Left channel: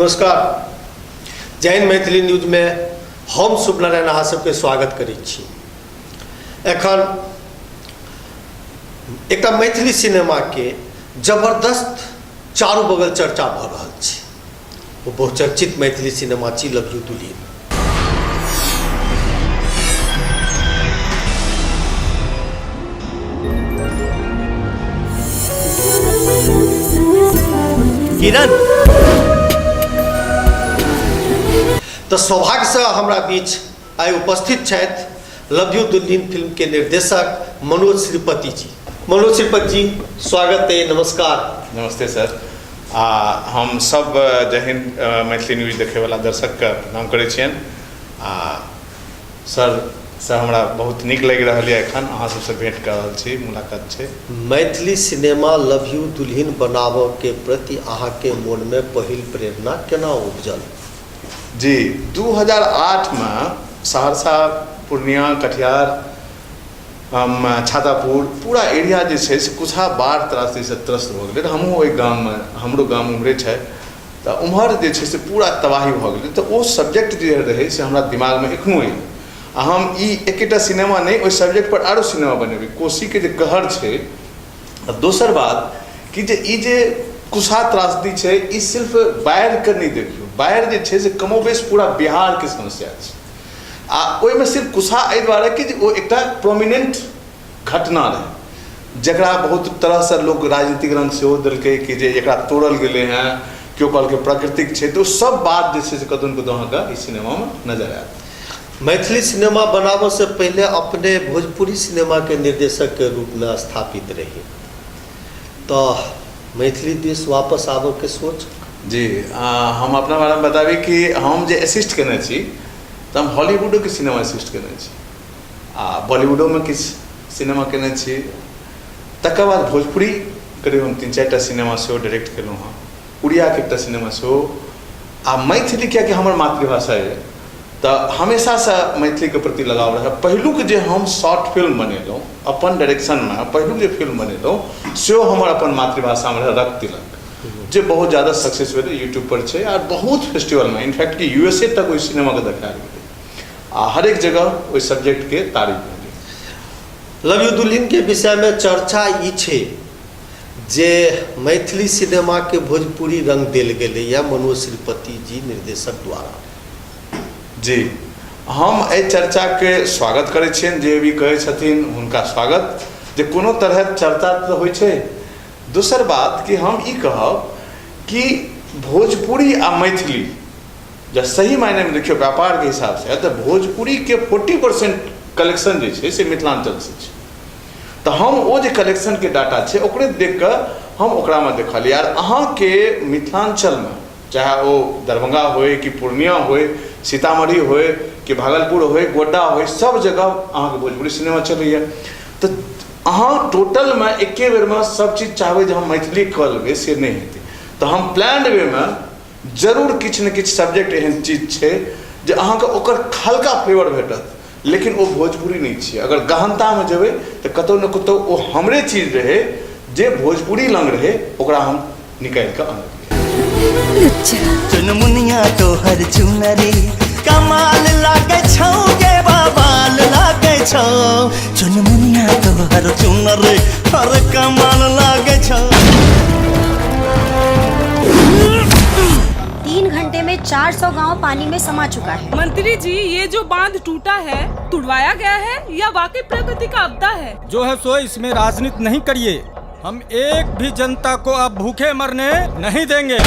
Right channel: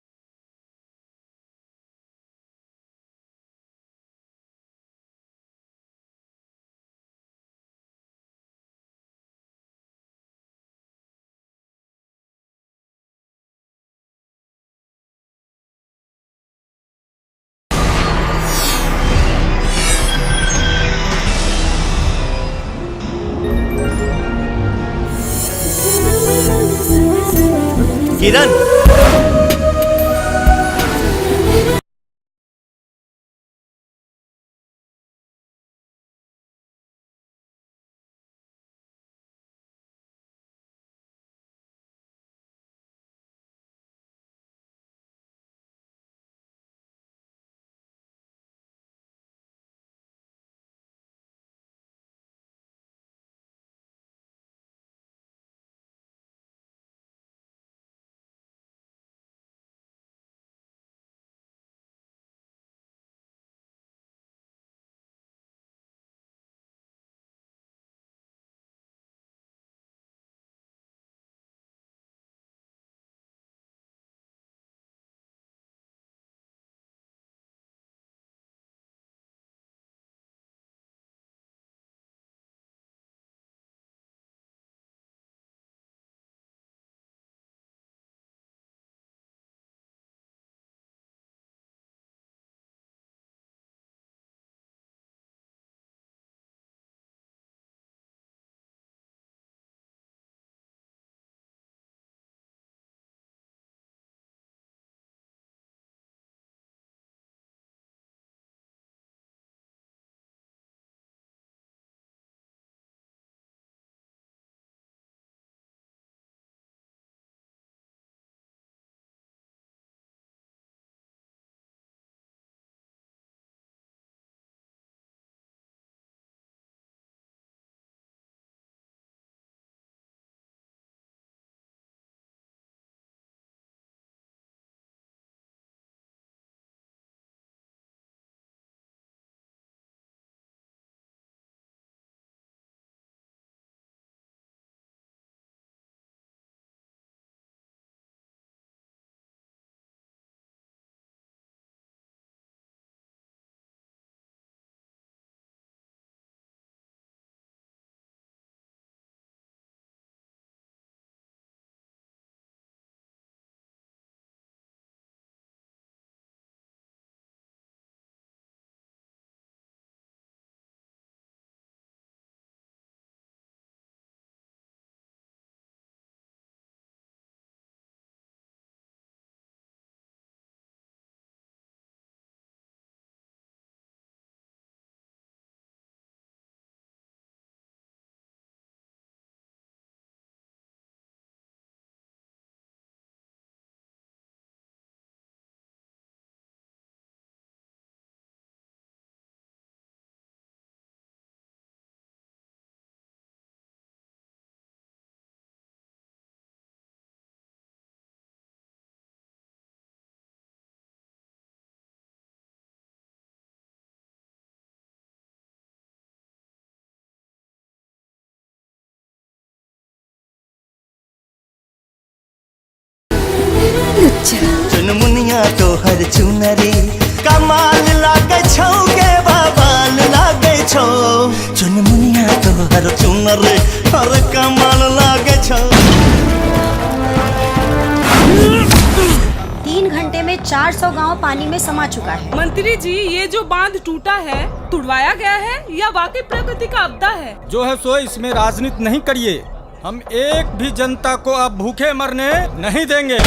नमस्कार। जैन मैथिली न्यूज में हम शुभनारायण अहाँ सबके स्वागत करैत छी। एखन एकटा मैथिली सिनेमा के जबरदस्त चारू बगल चर्चा भ रहल छै। वो बहुचर्चित मैथिली सिनेमा छी लव यू दुल्हिन। किरण तो सौभाग्य से हमरा बीच आइ उपस्थित छथि लव यू दुल्हिन फिल्म के निर्देशक मनोज श्रीपति जी। मनोज श्रीपति जी, स्वागत है, नमस्कार। नमस्ते सर। हम सब जय हिंद मैथिली न्यूज देखे वाला दर्शक के प्रणाम करै छियन। सर हमरा बहुत नीक लग रहा है एखन अहाँ सबसे भेंट कर रहल छी, मुलाकात छै। मैथिली सिनेमा लव यू दुल्हिन बनाबऽ के प्रति अहाँ के मन में पहिल प्रेरणा केना उपजल? जी 2008 में सहरसा, पूर्णिया, कटिहार, छातापुर पूरा एरिया जे छै से कुछा बाढ़ त्रासदी से त्रस्त भ गेलै। हमहूँ ओहि गाम में, हमरो गाम उम्हरे छै, तो उम्हर जे छै से पूरा तबाही भ गेलै। तो वो सब्जेक्ट जे रहे से हमरा दिमाग में एखनो अइ। हम ई एकेटा सिनेमा नहीं, ओहि सब्जेक्ट पर आरो सिनेमा बनेबै। कोशी के जे कहर छै। दोसर बात कि जे ई जे कुशा त्रासदी छै, ई सिर्फ बाढ़ि के नहीं देखियो, बाढ़ि जे छै से कमोबेश पूरा बिहार के समस्या छै। ओहि में सिर्फ कुशा एहि दुआरे कि वो एकटा प्रोमिनेंट घटना रहे, जकरा बहुत तरह से लोग राजनीतिक रंग सेहो देलकै कि जे एकरा तोड़ल गेलै हैं, केओ कहलकै प्राकृतिक छै। तो सब बात जे छै से कतौ न कतौ अहाँके ई सिनेमा में नजर आयत। मैथिली सिनेमा बनाबऽ से पहले अपने भोजपुरी सिनेमा के निर्देशक के रूप में स्थापित रही, तो मैथिली देश वापस आबऽ के सोच? जी हम अपना बारे में बताबी कि हम जे असिस्ट केने छी तो हम हॉलीवुडो के सिनेमा असिस्ट केने छी, बॉलीवुडो में किछ सिनेमा केने छी। तकर बाद भोजपुरी करीब हम 3-4टा सिनेमा सेहो डायरेक्ट केलहुँ हँ, उड़िया के एकटा सिनेमा सेहो। मैथिली कियाकि हमर मातृभाषा है, तो हमेशा से मैथिली के प्रति लगाव रहे। पहिलुक जे हम शॉर्ट फिल्म बनेलहुँ अपन डायरेक्शन में, पहिलुक जे फिल्म बनेलहुँ सेहो हमर अपन मातृभाषा में रहे, रक्त तिलक, जे बहुत ज़्यादा सक्सेस भेलै, यूट्यूब पर छै और बहुत फेस्टिवल में, इनफैक्ट कि यूएसए तक ओहि सिनेमा के देखायल गेलै। हर एक जगह ओहि सब्जेक्ट के तारीफ भेलै। लव यू दुल्हिन के विषय में चर्चा ई छै जे मैथिली सिनेमा के भोजपुरी रंग देल गेलै या मनोज श्रीपति जी निर्देशक द्वारा। जी हम एहि चर्चा के स्वागत करै छियनि, जे भी कहै छथिन हुनका स्वागत, जे कोनो तरह चर्चा तो होइ छै। दोसर बात कि हम ई कहब कि भोजपुरी आ मैथिली जब सही मायने में देखियो व्यापार के हिसाब से, तो भोजपुरी के 40% कलेक्शन जे छै से मिथिलांचल से छै। तो हम वो जे कलेक्शन के डाटा छै ओकरे देख के हम ओकरा में देखलिए। यार अहाँ के मिथिलांचल में, चाहे वो दरभंगा होए कि पूर्णिया होए, सीतामढ़ी होए कि भागलपुर होए, गोड्डा होए, सब जगह अहाँ के भोजपुरी सिनेमा चलैया। तो अहाँ टोटल में एके बेर में सब चीज चाहबै जे हम मैथिली कऽ लेबै से नहीं हेतै। तो हम प्लान्ड वे में जरूर किछु ने किछु सब्जेक्ट एहन चीज छै जे अहाँके ओकर हल्का फ्लेवर भेटत, लेकिन वो भोजपुरी नहीं छै। अगर गहनता में जेबै तो कतौ न कतौ वो हमरे चीज रहे जे भोजपुरी लंग रहे, ओकरा हम निकाल के आनलियै। चुनमुनिया तोहर चुनरी कमाल लागे छौ गे बवाल लागे छौ। चुनमुनिया तोहर चुनरी हर कमाल लागे छौ। 3 घंटे में 400 गांव पानी में समा चुका है। मंत्री जी, ये जो बांध टूटा है तुड़वाया गया है या वाकई प्रकृति का आपदा है? जो है सो, इसमें राजनीति नहीं करिए। हम एक भी जनता को अब भूखे मरने नहीं देंगे।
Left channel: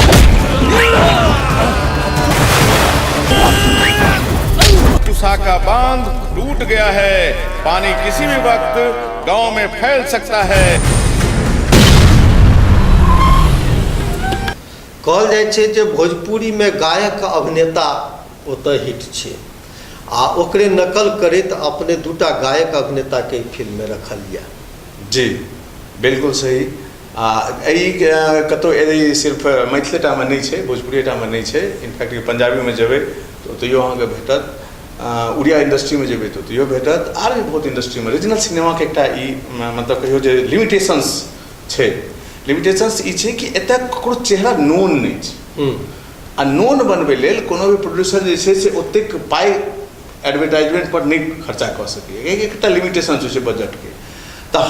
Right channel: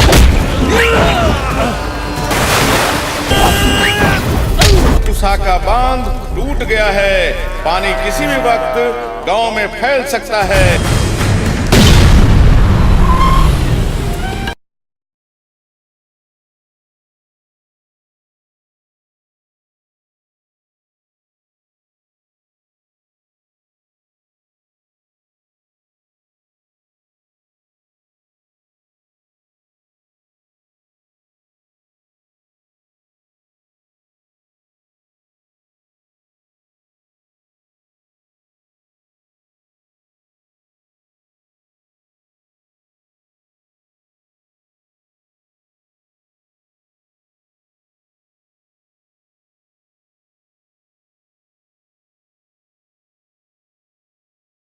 कुशा का बांध टूट गया है, पानी किसी भी वक्त गांव में फैल सकता है। कहल जाइ छै जे भोजपुरी में गायक अभिनेता ओतऽ हिट छै, आ ओकरे नकल करैत अपने दूटा गायक अभिनेता के फिल्म में रखल यऽ। जी बिल्कुल सही। कतौ सिर्फ मैथिलीटा में नहीं छै, भोजपुरीटा में नहीं छै। इनफैक्ट पंजाबी में जेबै तो ओतहियो अहाँके भेटत, उड़िया इंडस्ट्री में जेबै तो ओतहियो भेटत, आर भी बहुत इंडस्ट्री में। रीजनल सिनेमा के एकटा ई मतलब कहियो जे लिमिटेशंस छै। लिमिटेशंस ई छै कि एतऽ ककरो चेहरा नोन नहीं छै। आ नोन बनबै लेल कोनो भी प्रोड्यूसर जे छै से ओतेक पाइ एडवर्टाइजमेंट पर नहीं खर्चा कर सके, एकटा लिमिटेशन छै बजट के। तऽ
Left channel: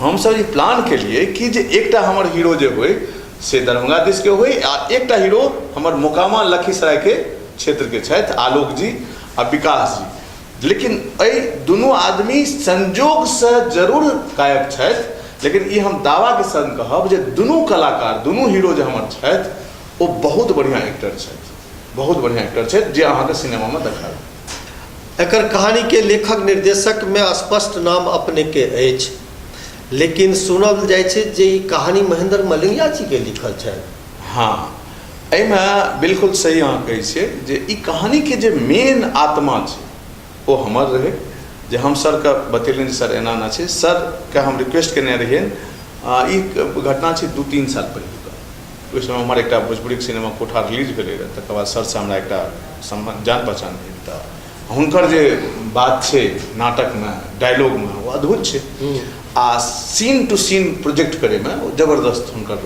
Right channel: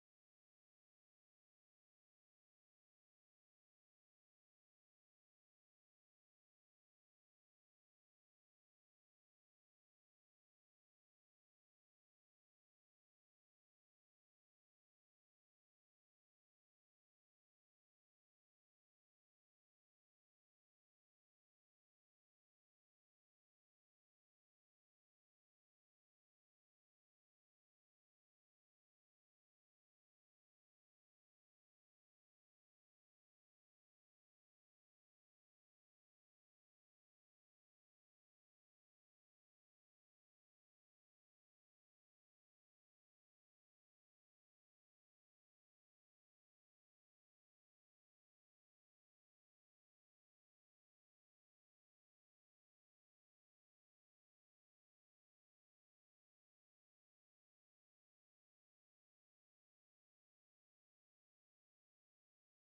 हमसब ई प्लान केलिए कि जे एकटा हमर हीरो जे होय से दरभंगा दिस के होय आ एकटा हीरो हमर मोकामा लखीसराय के क्षेत्र के छथि आलोक जी आ विकास जी। लेकिन एहि दुनू आदमी संजोग से जरूर गायक छथि, लेकिन ई हम दावा के संग कहब जे दुनू कलाकार दुनू हीरो जे हमर छथि ओ बहुत बढ़िया एक्टर छथि, बहुत बढ़िया एक्टर छथि जे अहाँके सिनेमा में देखायब। एकर कहानी के लेखक निर्देशक में स्पष्ट नाम अपने के अछि, लेकिन सुनल जाय छै जे ई कहानी महेंद्र मलंगिया जी के लिखल छै। हाँ, एहिमे बिल्कुल सही अहाँ कहै छियै जे ई कहानी के जे मेन आत्मा छै ओ हमर रहे, जे हम सर के बतेलियनि सर एना ना छै। सर के हम रिक्वेस्ट केने रहियनि, ई घटना छै 2-3 साल पहिले। ओहि समय हमर एकटा भोजपुरी सिनेमा कोठा रिलीज भेलै रहै, तकर बाद सर से हमरा एकटा जान पहचान भेल। तऽ हुनकर जे बात छै नाटक में डायलॉग में वो अद्भुत छै आ सीन टू सीन प्रोजेक्ट करे में जबरदस्त हुनकर,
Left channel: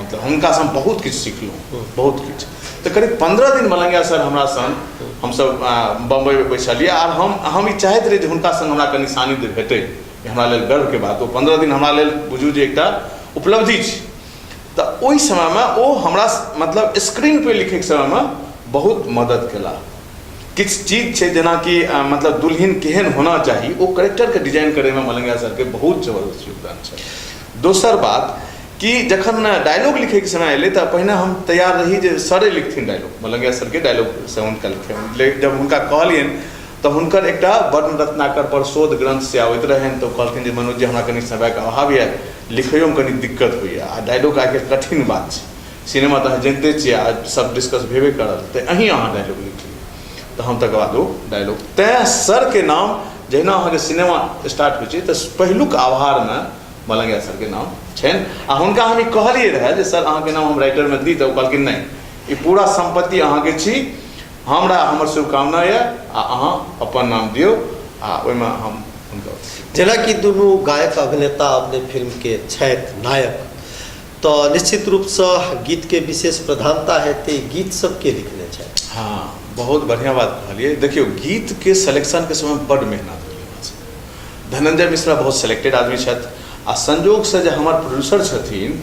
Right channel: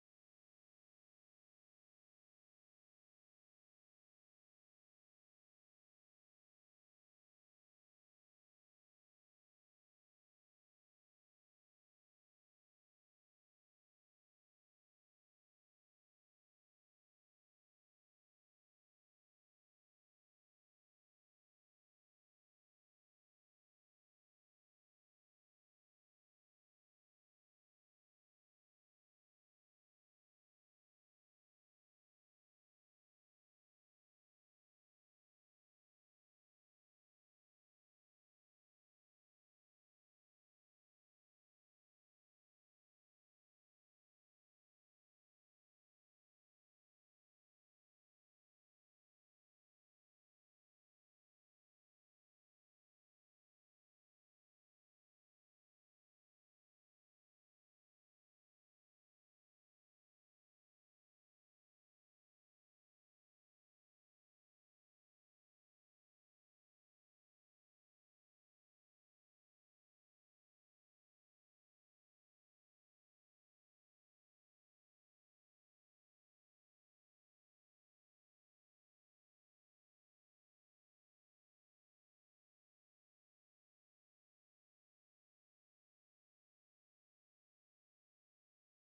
मतलब हुनका से हम बहुत किछु सिखलहुँ, बहुत किछु। तो करीब 15 दिन मलंगिया सर हमरा संग हमसब बम्बई में बैसलिए आर हम ई चाहैत रही जे हुनका संग हमरा कनि सानिध्य भेटै, हमरा लेल गर्व के बात। ओ 15 दिन हमरा लेल बुझू जे एकटा उपलब्धि छै। तऽ ओहि समय में ओ हमरा मतलब स्क्रीन पे लिखे के समय में बहुत मदद केला। किछु चीज छै जेना कि मतलब दुल्हन केहन होना चाही, ओ कैरेक्टर के डिजाइन करे में मलंगिया सर के बहुत जबरदस्त योगदान छै। दोसर बात कि जखन डायलॉग लिखे के समय अयलै तऽ पहिने हम तैयार रही जे सरे लिखथिन डायलॉग, मलंगिया सर के डायलॉग से हुनका लिखे। जब हुनका कहलियनि तऽ हुनकर एकटा वर्ण रत्नाकर पर शोध ग्रंथ से आबैत रहनि, तऽ कहलखिन जे मनोज जी हमरा कनि समय के अभाव यऽ, लिखैयो में कनि दिक्कत होइए आ डायलॉग आके कठिन बात छै। सिनेमा तऽ अहाँ जनिते छियै, आज सब डिस्कस भेबे करल, तऽ अहीं अहाँ डायलॉग लिखिए। तऽ हम तकर बाद ओ डायलॉग तैं सर के नाम जहिना अहाँके सिनेमा स्टार्ट होइ छै तऽ पहिलुक आभार में मलंगिया सर के नाम छनि। आ हुनका हम ई कहलिए रहे जे सर अहाँके नाम हम राइटर में दी, तऽ ओ कहलखिन नहीं, ई पूरा संपत्ति अहाँके छी, हमरा हमर शुभकामना यऽ आ अहाँ अपन नाम दियौ। आ ओहिमे हम हुनका जेना कि दुनू गायक अभिनेता अपने फिल्म के छथि नायक, तो निश्चित रूप से गीत के विशेष प्रधानता हेतै, गीत सब के लिखने छथि। हाँ, बहुत बढ़िया बात कहलिए। देखियो गीत के सिलेक्शन के समय बड़ मेहनत भेल। धनंजय मिश्रा बहुत सिलेक्टेड आदमी छथि आ संजोग से जे हमर प्रोड्यूसर छथिन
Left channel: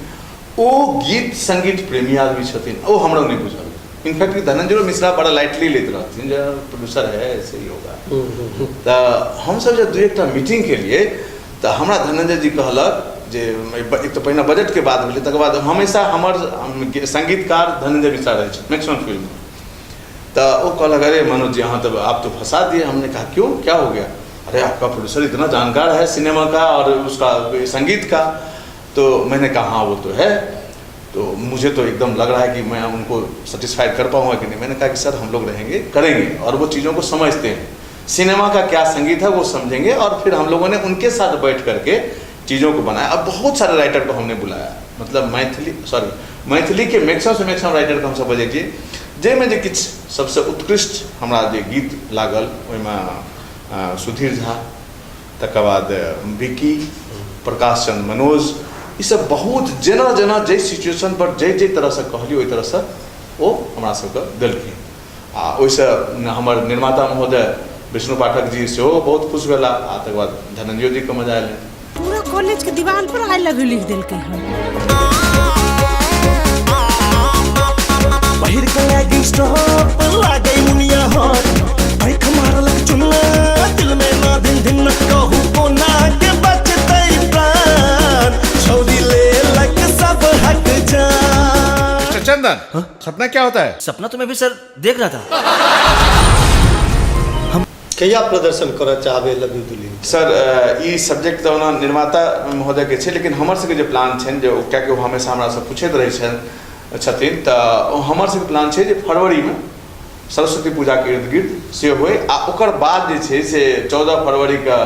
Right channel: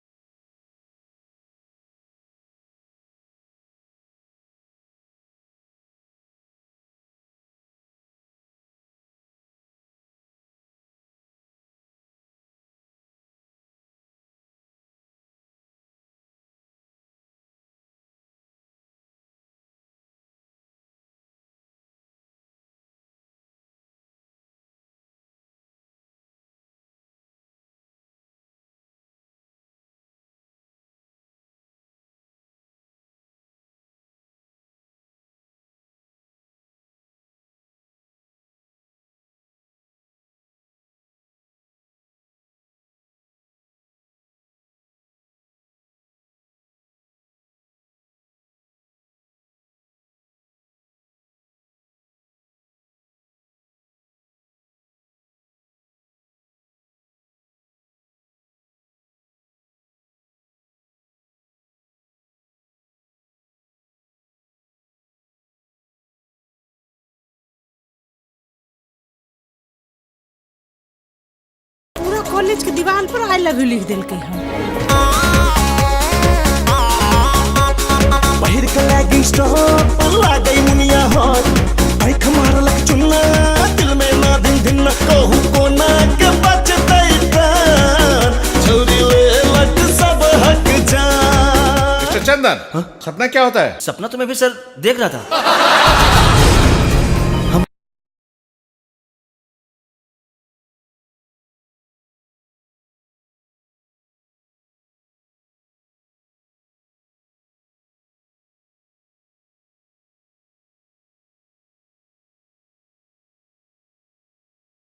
ओ गीत संगीत प्रेमी आदमी छथिन, ओ हमरा नहीं बुझल। इनफैक्ट धनंजय मिश्रा बड़ा लाइटली लेते रहथिन जे प्रोड्यूसर है ऐसे ही होगा। तो हम सब जब 2-1 मीटिंग के लिए तो हमरा धनंजय जी कहलक जे एक तो पहिने बजट के बात भेलै, तकर बाद हमेशा हमर संगीतकार धनंजय मिश्रा रहे छथि मैक्सिमम फिल्म में। तो वो कहलक अरे मनोज जी हाँ तो आप तो फंसा दिए। हमने कहा क्यों, क्या हो गया? अरे आपका प्रोड्यूसर इतना जानकार है सिनेमा का और उसका संगीत का। तो मैंने कहा हाँ वो तो है, तो मुझे तो एकदम लग रहा है कि मैं उनको सेटिस्फाइड कर पाऊंगा कि नहीं। मैंने कहा कि सर हम लोग रहेंगे, करेंगे और वो चीज़ों को समझते हैं, सिनेमा का क्या संगीत है वो समझेंगे। और फिर हम लोगों ने उनके साथ बैठ करके चीज़ों को बनाया। अब बहुत सारे राइटर को हमने बुलाया, मतलब मैथिली के मैक्सिमम से मैक्सिमम राइटर को हमसब बजेलिए, जाहिमे जे किछु सबसे उत्कृष्ट हमरा जे गीत लागल ओहिमे सुधीर झा, तकर बाद विकी, प्रकाश चंद्र मनोज, ई सब बहुत जेना जेना जै सिचुएशन पर जै तरह से कहलिए ओहि तरह से ओ हमरा सबके देलखिन। आ ओहिसँ हमर निर्माता महोदय विष्णु पाठक जी सेहो बहुत खुश भेला। आ तकर बाद धनंजय जी के मजा आयल। पूरा कॉलेज के दीवार पर आई लव यू लिख दिलके हम। पहिर के लैगिंग स्टॉप लागै मुनिया हॉट, आँख मारलक चुन्ना दिल में ना दिन दिन कहू कोना के बचतै प्राण, छोड़ी लेलक सब हक जान। मिस्टर चंदन, सपना क्या होता है? सपना तो मैं भी सर देख रहा था। कहिया प्रदर्शन करऽ चाहबै लव यू दुल्हन? सर ई सब्जेक्ट तो निर्माता महोदय के छै, लेकिन हमर सबके जे प्लान छनि जे कियाकि ओ हमेशा हमरा से पूछैत रहै छथिन, तऽ हमर सबके प्लान छै जे फरवरी में सरस्वती पूजा के इर्द गिर्द से होय। आ ओकर बाद जे छै से 14 फरवरी के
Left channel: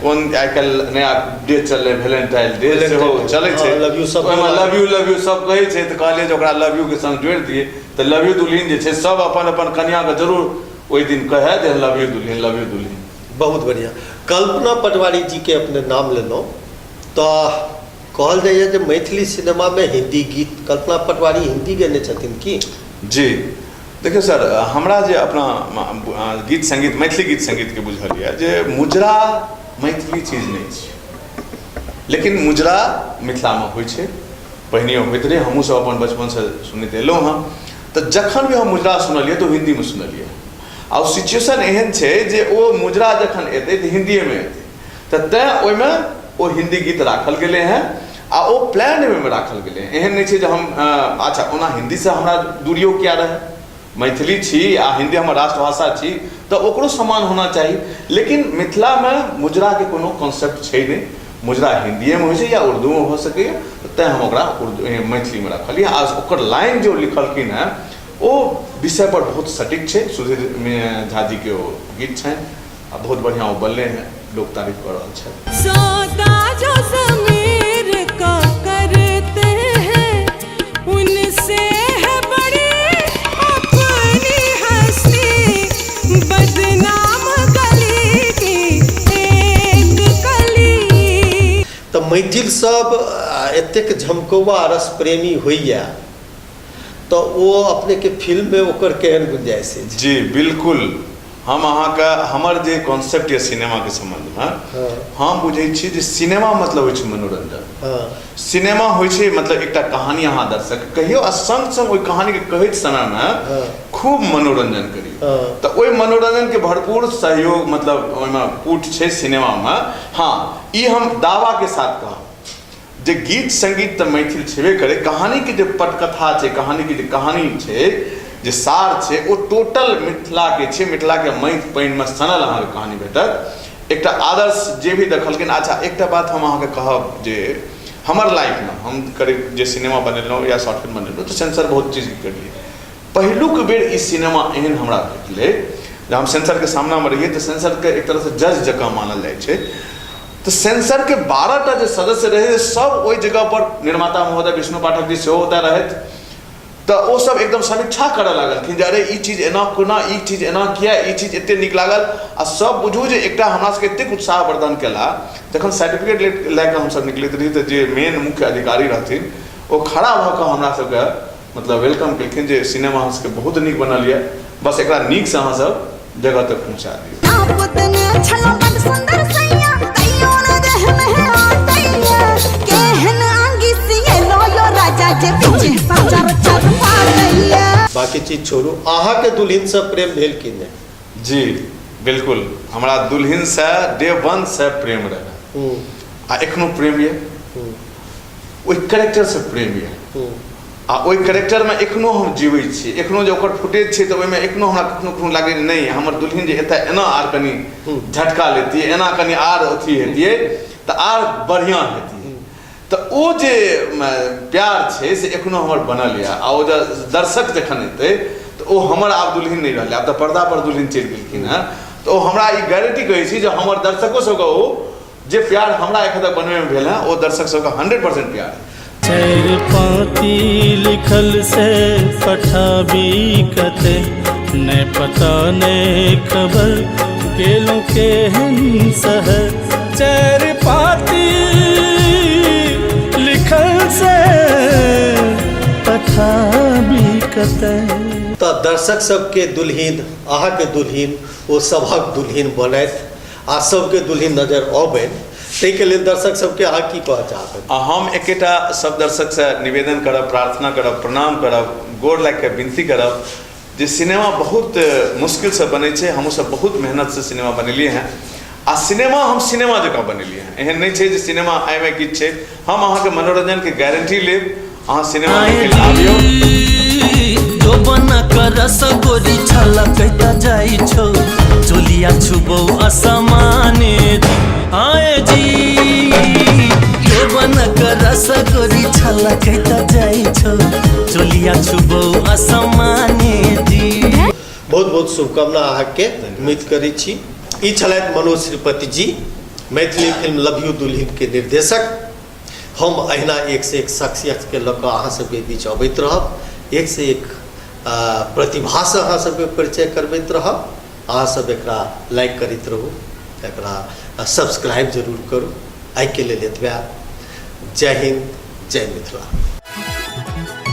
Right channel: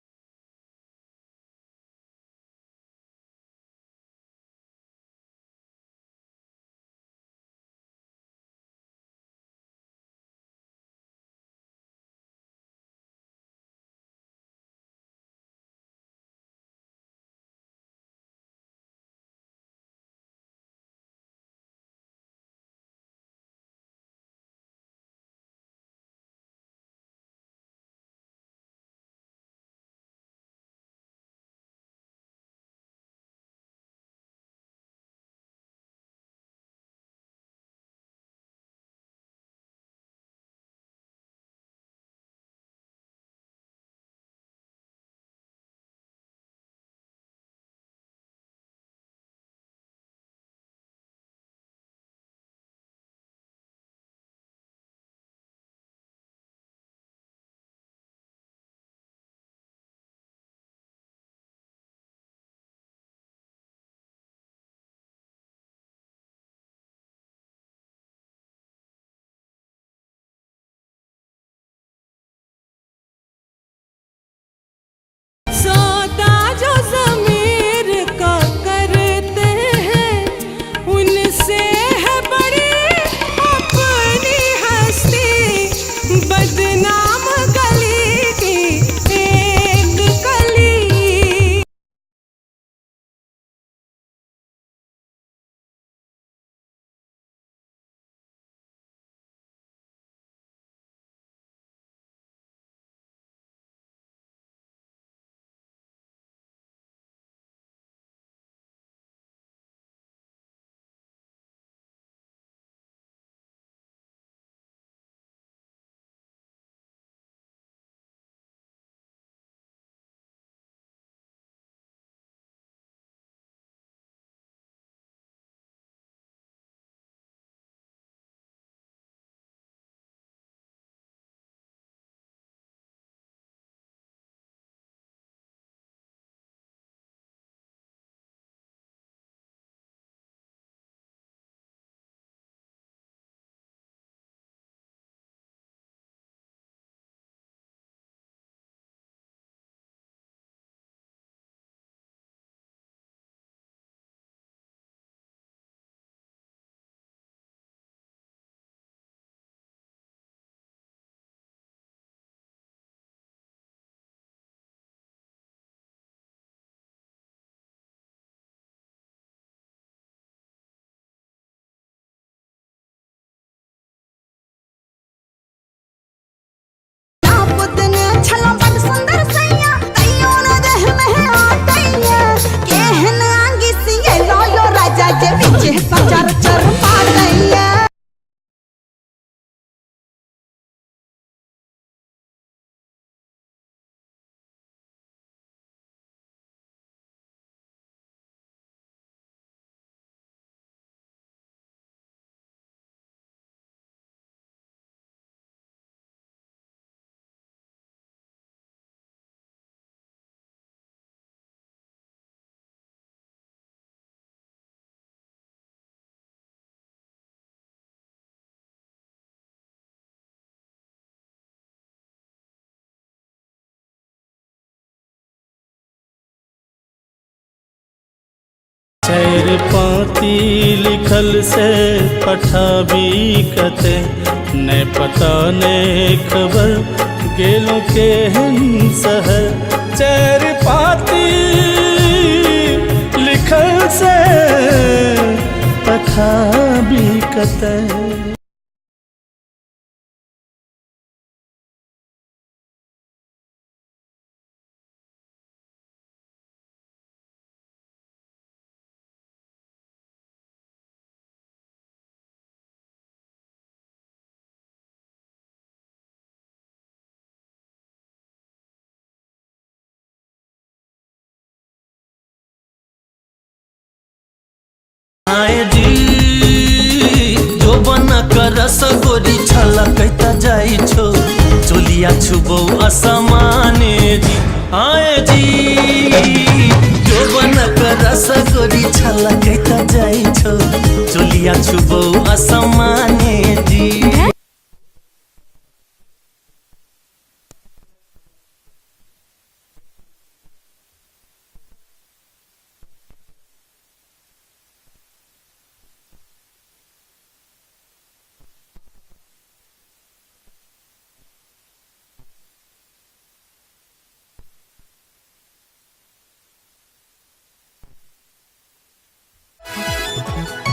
कोन आइ काल्हि नया डे चललै वैलेंटाइन डे सेहो चलै छै, लव यू सब लव यू सब कहै छै। तऽ कहलिए जे ओकरा लव यू के संग जोड़ि दिए, तऽ लव यू दुल्हन जे छै सब अपन अपन कन्या के जरूर ओहि दिन कहे जे लव यू दुल्हन, लव यू दुल्हन। बहुत बढ़िया। कल्पना पटवारी जी के अपने नाम लेलहुँ, तो कहल जाइए जे मैथिली सिनेमा में हिंदी गीत कल्पना पटवारी हिंदी गने छथिन की? जी देखियो सर, हमरा जे अपना गीत संगीत मैथिली गीत संगीत के बुझल यऽ जे मुजरा मैथिली चीज नहीं छै, लेकिन मुजरा मिथिला में होइ छै, पहिनियो होइत रहे, हमहूँ सब अपन बचपन से सुनैत एलहुँ हँ। तो जखन भी हम मुजरा सुनलिए तो हिंदी में सुनलिए, आ सिचुएशन एहन छै जे ओ मुजरा जखन एतै तो हिंदिए में एतै, तो तैं ओहिमे ओ हिंदी गीत राखल गेलै हैं आ ओ प्लान में राखल गेलै हैं। एहन नहीं छै जे हम अच्छा ओना हिंदी से हमरा दूरियो किया रहे, मैथिली छी आ हिंदी हमर राष्ट्रभाषा छी तो ओकरो समान होना चाहिए, लेकिन मिथिला में मुजरा के कोनो कॉन्सेप्ट छै नहीं, मुजरा हिंदिए में हो या उर्दू में हो सके, तैं हम ओकरा मैथिली में रखलिए। आ ओकर लाइन जो लिखलखिन हैं ओ विषय पर बहुत सटीक छै, सुधीर झा जी के ओ गीत छनि आ बहुत बढ़िया ओ बनले हैं, लोग तारीफ कर रहा है। सौदा जो ज़मीर का करते हैं उनसे है बड़ी अपनी हस्ती, बदनाम गली की एक कली। तो मैथिल सब एतेक झमकौआ रस प्रेमी होइया तो वो अपने के फिल्म में ओकर केहन गुंजाइश है? जी बिल्कुल, हम अहाँ का हमर जे कॉन्सेप्ट है सिनेमा के संबंध में, हम बुझे छी जे सिनेमा मतलब होइ छै मनोरंजन। सिनेमा होइ छै मतलब एकटा कहानी अहाँ दर्शक कहियो आ संग संग ओइ कहानी के कहैत समय में खूब मनोरंजन करियो, तो ओइ मनोरंजन के भरपूर सहयोग मतलब ओइमे पुट छै सिनेमा में। हाँ, ई हम दावा के साथ कहब जे गीत संगीत तो मैथिल छेबे करे, कहानी के जे पटकथा छै, कहानी के जे कहानी छै, जे सार छै, ओ टोटल मिथिला के छै, मिथिला के माटि पानि में सनल अहाँ के कहानी भेटत। एकटा आदर्श जे भी देखलखिन। अच्छा एकटा बात हम अहाँ के कहब जे हमर लाइफ में हम करीब जे सिनेमा बनेलहुँ या शॉर्ट फिल्म बनेलहुँ तो सेंसर बहुत चीज करलिए। पहिलुक बेर ई सिनेमा एहन हमरा भेटलै जब हम सेंसर के सामना में रहिए, तो सेंसर के एक तरह से जज जकाँ मानल जाइ छै। तो सेंसर के 12टा जो सदस्य रहे सब ओई जगह पर निर्माता महोदय विष्णु पाठक जी सेहो होता रहत, तो वो सब एकदम समीक्षा करे लागल कि अरे ई चीज एना कोना, ई चीज एना किया, ई चीज एते नीक लागल। आ सब बुझू जे एकटा हमरा सबके एतेक उत्साह वर्धन केला, जखन सर्टिफिकेट लैके हम सब निकलैत रही तो जे मेन मुख्य अधिकारी रहथिन ओ खड़ा भऽ कऽ हमरा सबके मतलब वेलकम केलखिन जे सिनेमा अहाँ सबके बहुत नीक बनल यऽ, बस एकरा नीक से अहाँ सब जगह तक पहुँचा बाकी चीज छोड़ू, अहाँ के दुल्हन से प्रेम भेल कि नहीं? जी बिल्कुल, हमरा दुल्हन से डे वन से प्रेम रहे आ एखनो प्रेम ये, ओइ कैरेक्टर से प्रेम ये आ ओइ कैरेक्टर में एखनो हम जीवै छी। एखनो जे ओकर फुटेज छै तो ओइमे एखनो हमरा कखनो लागे नहीं हमर दुल्हन जे एतऽ एना आर कनी झटका लेतियै, एना कनी आर अथी हेतियै तो आर बढ़िया हेतियै। तो ओ जे प्यार छै से एखनो हमर बनल यऽ। आ ओ जे दर्शक जखन एतै तो ओ हमर आब दुल्हन नहीं रहलै, आब तो पर्दा पर दुल्हन चलि गेलखिन हैं। तो हमरा ई गारंटी कहै छी जे हमर दर्शको सबके ओ जे प्यार हमरा एखन तक बनबै में भेल है ओ दर्शक सबके 100% प्यार है। चैर पाती लिखल से पठाबी कते ने पता ने खबर गेलों के शहर। चैर पाती लिखल से पठाबी कते। तो दर्शक सबके दुल्हन अहाँ के दुल्हन ओ सभक दुल्हन बनैत आ सबके दुल्हन नजर अबैन, ताहि के लेल दर्शक सबके अहाँ की कहऽ चाहब? हम एकेटा सब दर्शक से निवेदन करब, प्रार्थना करब, प्रणाम करब, गोर लागि के विनती करब जे सिनेमा बहुत मुश्किल से बनै छै, हमहूँ सब बहुत मेहनत से सिनेमा बनेलिए हैं आ सिनेमा हम सिनेमा जकाँ बनेलिए हैं। एहन नहीं छै जे सिनेमा आइमे किछु छै, हम अहाँके मनोरंजन के गारंटी लेब। अहाँ सिनेमा जो बना कर रसगोरी छलकैता जाइ छौ, चोलिया छुबौ असमाने जी। आए जी जो बना कर रसगोरी छलकैता जाइ छौ, चोलिया छुबौ असमाने जी। बहुत बहुत शुभकामना अहाँके उम्मीद करै छी। ई छलथि मनोज श्रीपति जी, मैथिली फिल्म लव यू दुल्हन के निर्देशक। हम अहिना एक से एक शख्सियत के लऽ कऽ अहाँ सबके बीच अबैत रहब, एक से एक प्रतिभा से अहाँ सबके परिचय करबैत रहब। अहाँ सब एकरा लाइक करैत रहू, एकरा सब्सक्राइब जरूर करू। आइ के लेल एतबे। जय हिंद, जय मिथिला।